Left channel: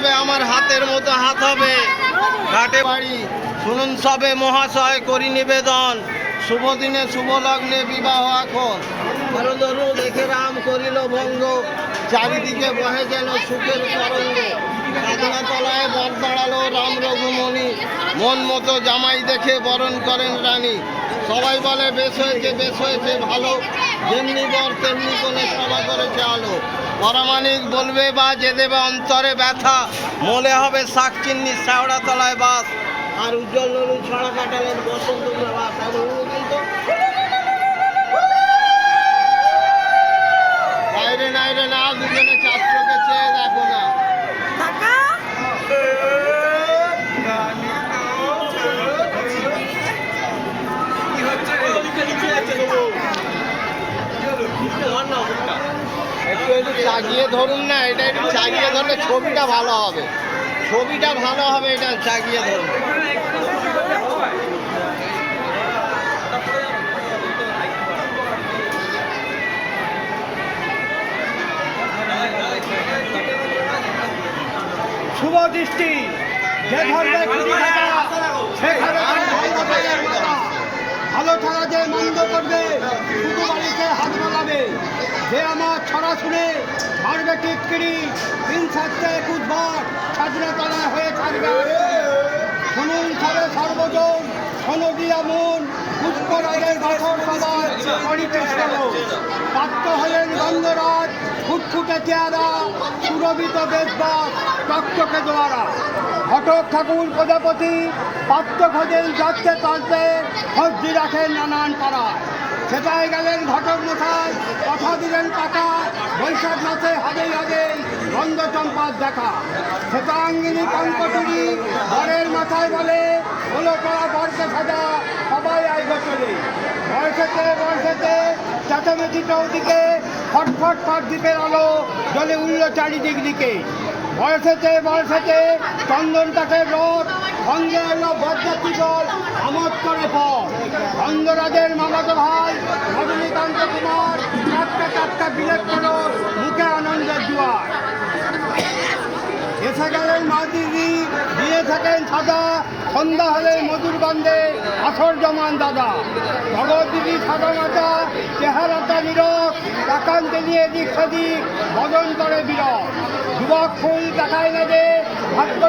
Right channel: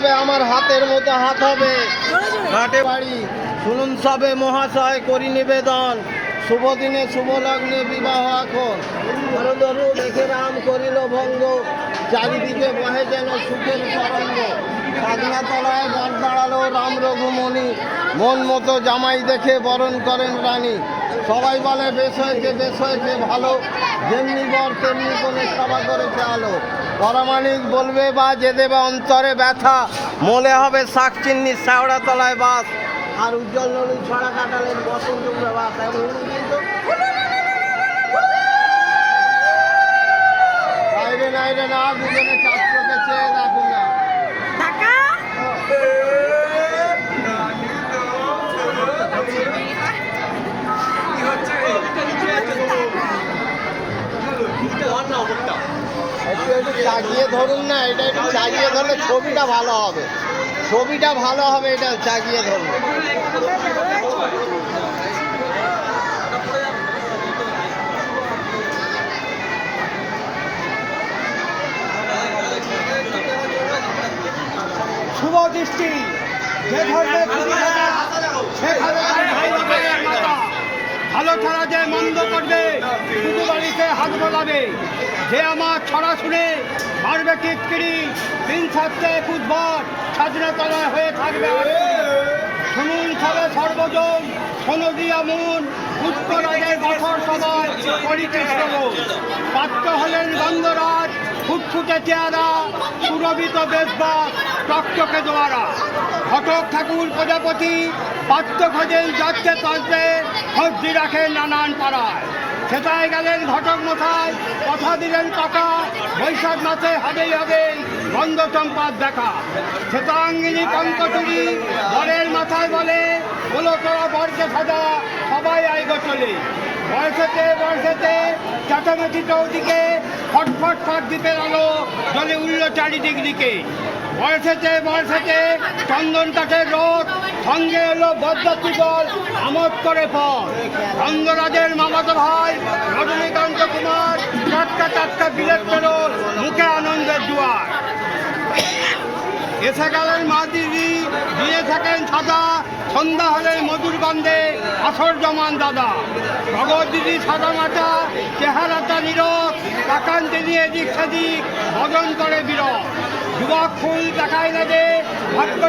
করবে আমার হাতের মতো হাত হবে। ঘাটে বাড়ি শুনুন সবে মহাশয় করি নিবেদন, শুভ দিনে শুভ লগ্নে বিবাহ এখন। ধরো ধরো দেখে রাম করিল ভঙ্গ, চারিদিকে বহে যেন সুখের তরঙ্গ। সাধনাতলায় বর দাঁড়ালো রাম রঘুমণি, মন মতো জামাই দেখে বরণ করেন রানী। সবাই বলে বেশ হয়েছে ভালো, যেমনি বর তেমনি কোণে সভা করেছে আলো। পরামানিক বলবে বা যে দেবে অন্তরে ব্যথা, মলে হবে শাক চিন্নি শ্যাওড়া তলায় বাস। আর উজ্জ্বল নদী ছড়া কাটালেন বসন্ত প্রভাত। আর কিন্তু বাইরে নাইরে না, দুজনে চার চোখে চেয়ে দেখো না। একটু চাগিয়ে ধরুন না, এটা একটু চাগিয়ে ধরলে ছবিটা ভালো হবে, ছবিটা ভালো হবে, এটা চাগিয়ে ধরুন। শুভ দৃষ্টি যে ধরবে খুশি থাকা, সেখানে ভালো ছাড়া যে মন্দ করবে শুধু বাড়িতে হাত বলাবে। যে আমার ছড়া শুনে মারবে টিটকিরি, দিন থাকতে 21 বার স্বাধীনতলায় হয়ে থাকবে। শুনুন সবে সর্বজন, শোনো দিয়া মন, পুষ্পরাজের বছর সবাই পরিচেষ্ট। পাত্র হলেন গন্ধরাজ, ফুটফুটে চেহারা, সুরভিত বেশবাস, চকচকে দোয়ারা। ঘটক ঠাকুর প্রজাপতি পাত্র খোঁজেন যাচ্ছে তাজতে, সবজি রাখেন নানান পাড়ায়। সেটাই গেলেন ঘটক মশাই, কথা দিলেন টাকা, বৈশাখ মাসে হবেই গন্ধ চম্পার দেখা। শ্বেতাঙ্গিনী কঙ্কচুরি বরের মাথায় বলে, হলো তোরা বরকে সাজা, সবাই আইগো চলে। বয়সেতে চেঁচামেচি চৌদিকে, ফট দ্বীপের আলো জলে উঠল চারিদিক দিকে। বয়সেতে চন্দনটাকে রোড, সঙ্গে এলো বরযাত্রী দল আমোদ করে পর। গন্ধরাজের মামাতো ভাই রজনীকান্ত কুমার টাটকা বিলেত ফেরত, মুখে আনন্দের জোয়ার। এসে গেলেন মা দিদি, দিয়ে থাকেন সাদা, সন্ধ্যা হলে মধুর গন্ধে আসর জমান দাদা। জগৎ দিদি সাদা মাথা, চেহারাটা নীরব, তাকান্তে নিয়ে এদিক সেদিক বদন করে বিরল। যুবক ফুল দেখায় না যে ভাগ্য